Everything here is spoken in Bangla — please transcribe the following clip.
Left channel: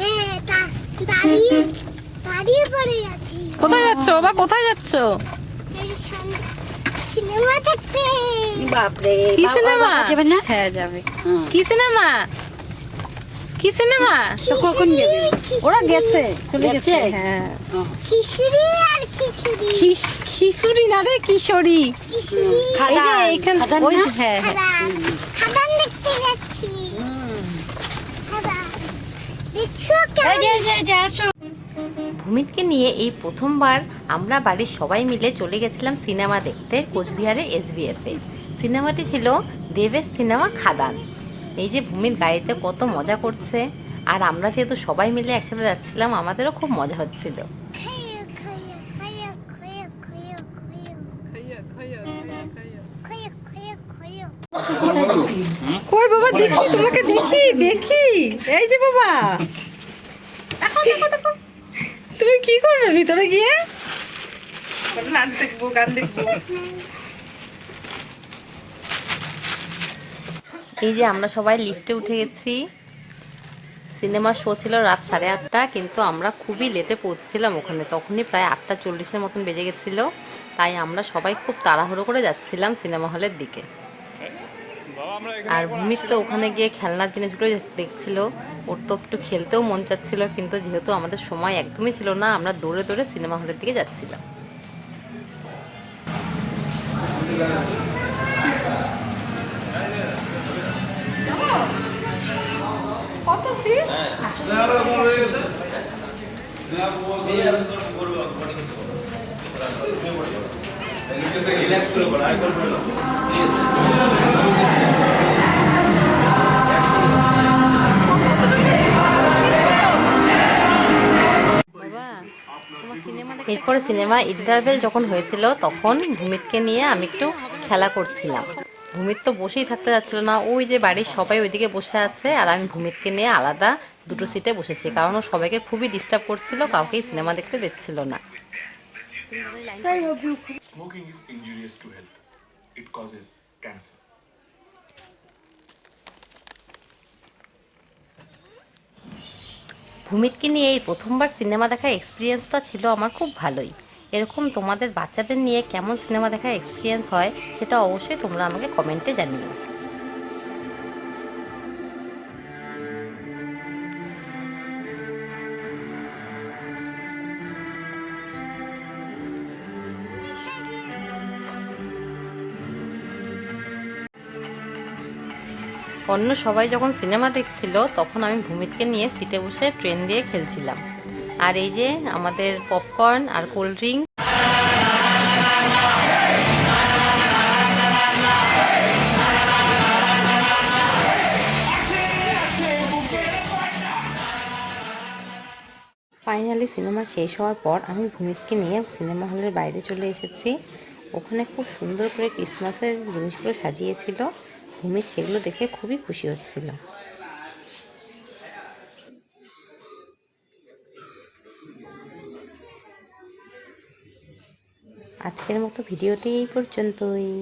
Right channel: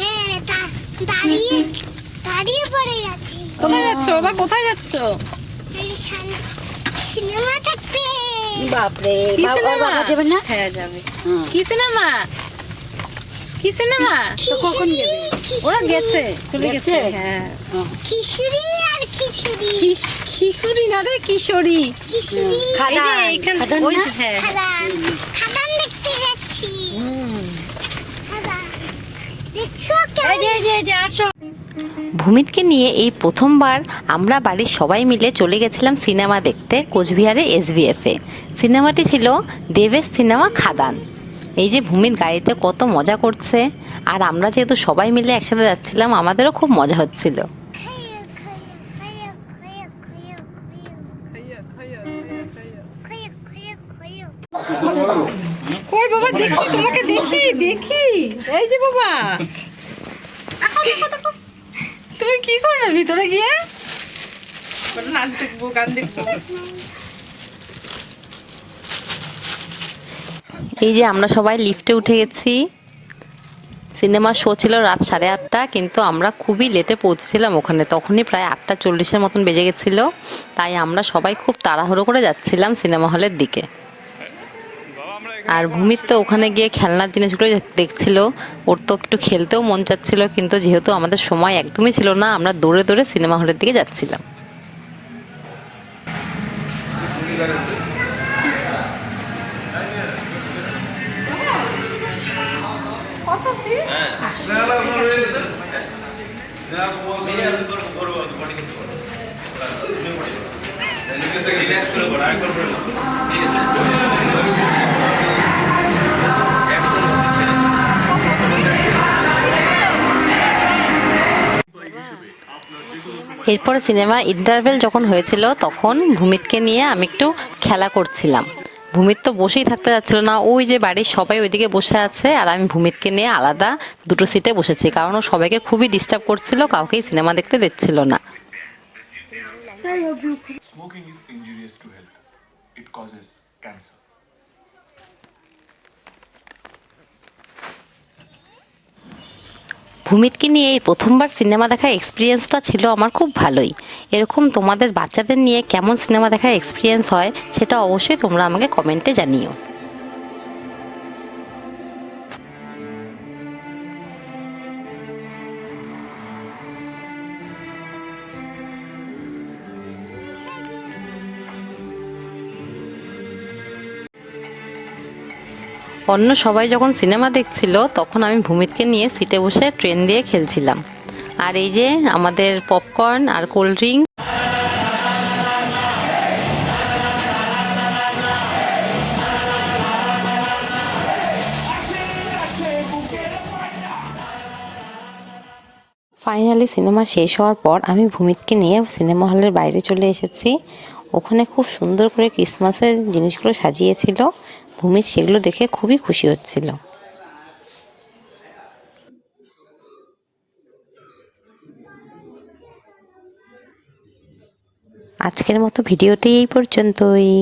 হ্যাঁ, দাঁড়িয়ে দাঁড়িয়ে পড়ে গেছি। কোথায় যাচ্ছ বাবা, কোথায় যাচ্ছ? সিনেমা দেখতে। বাপরে, কি সিনেমা? যাবে না? হ্যাঁ যাবে। কি সিনেমা? কি সিনেমা? তো কখন যাবে? ওরা গেছে, চলে গেছে। হ্যাঁ, খিচুড়ি আর খিচুড়ি। খিচুড়ি না রে, কিশোরী। খিচুড়ি এই যে এইখান ওই যে, হ্যাঁ হ্যাঁ। খাদান খাদান দেখতে যাচ্ছি। খাদান দেখছো কেমন? ভূমিতকে নিয়ে এই প্রথমবার আমরা বাড়ির সবাই মিলে চলে গেছিলাম সিনেমা দেখতে কোচবিহারের SBF-এ। সিনেমাটি ছিল দেবেশ সিনেমা খাদান। এই যে ভূমিত গাড়িতে কত মজা করছে, আর আমরা যেহেতু সবাই মিলে একসাথে যাচ্ছিলাম, আমাদেরও খুব মজা হচ্ছিল। কই বাবা, দেখি তোমাকে, দেখি দেখি। এই যে বাবা, দেখো দেখো দেখো, তুমি কি করবে ভিতরে গিয়ে? নাচ দেখবো, গান দেখবো। এই যে আমরা সবাই লিফটে উঠে গেছি। সিনেমার শো ছিল রাত 8:30, কিন্তু আমরা খুবই লেটে পৌঁছেছিলাম ওখানে। তখনই প্রায় 8:40-এর মতন বেজে গেছিল। তাই আমরা সবাই খুব তাড়াহুড়ো করে যাচ্ছিলাম সিনেমা হলের দিকে। আর ভূমিত তো ওখানে গিয়ে খেলনার জিনিসগুলো দেখছিল। ওর তো একটু খেলতেও মন চাচ্ছিল, কিন্তু যেহেতু আমাদের সময় একদমই ছিল না, আমরা দৌড়ে দৌড়ে সিনেমা হলের দিকে যাচ্ছিলাম। এরপরে সিনেমার ইন্টারভেল যখন হয়েছিল, তখন ভূমিতকে নিয়ে আমি একটু খেলা করছিলাম। ভূমিত তো বসেই থাকতে যাচ্ছিল না, ওই যে বাড়ির সবাই ওইদিকে বসে আছে, আর আমি ভূমিতকে নিয়ে আলাদা দুটো সিটে বসেছি, কারণ ও সবাইকে খুবই ডিস্টার্ব করছিল, কাউকেই সিনেমা দেখতে দিচ্ছিল না। Smoking is injurious to health. It causes cancer. ভূমিতকে নিয়ে এই প্রথমবার সিনেমা দেখার এক্সপিরিয়েন্সটা ছিল আমার খুব ভালোই। এরকম তোমাদের বাচ্চাদের নিয়ে কেমন সিনেমা দেখার এক্সপিরিয়েন্স হয়, সেটা অবশ্যই তোমরা আমাকে কমেন্টে জানিও। অন্য সবাই যখন সিনেমা দেখছিল, তখন আমি ভূমিতকে নিয়ে সিটে বসে ট্রেন দিয়ে খেলছিলাম। আর এই যে আমাদের পপকর্ন আর কোল্ড ড্রিঙ্ক। ফাইনালি সিনেমা শেষ হওয়ার পর আমি ভূমিতকে নিয়ে সিনেমা হলের বাইরে চলে এসেছি। ওখানে খুব সুন্দর করে ক্রিসমাসের জিনিসগুলো সাজিয়েছিল। ভূমিত সেগুলো দেখে খুবই খুশি হচ্ছিল। আজকের মতো ভিডিওটি এই পর্যন্তই।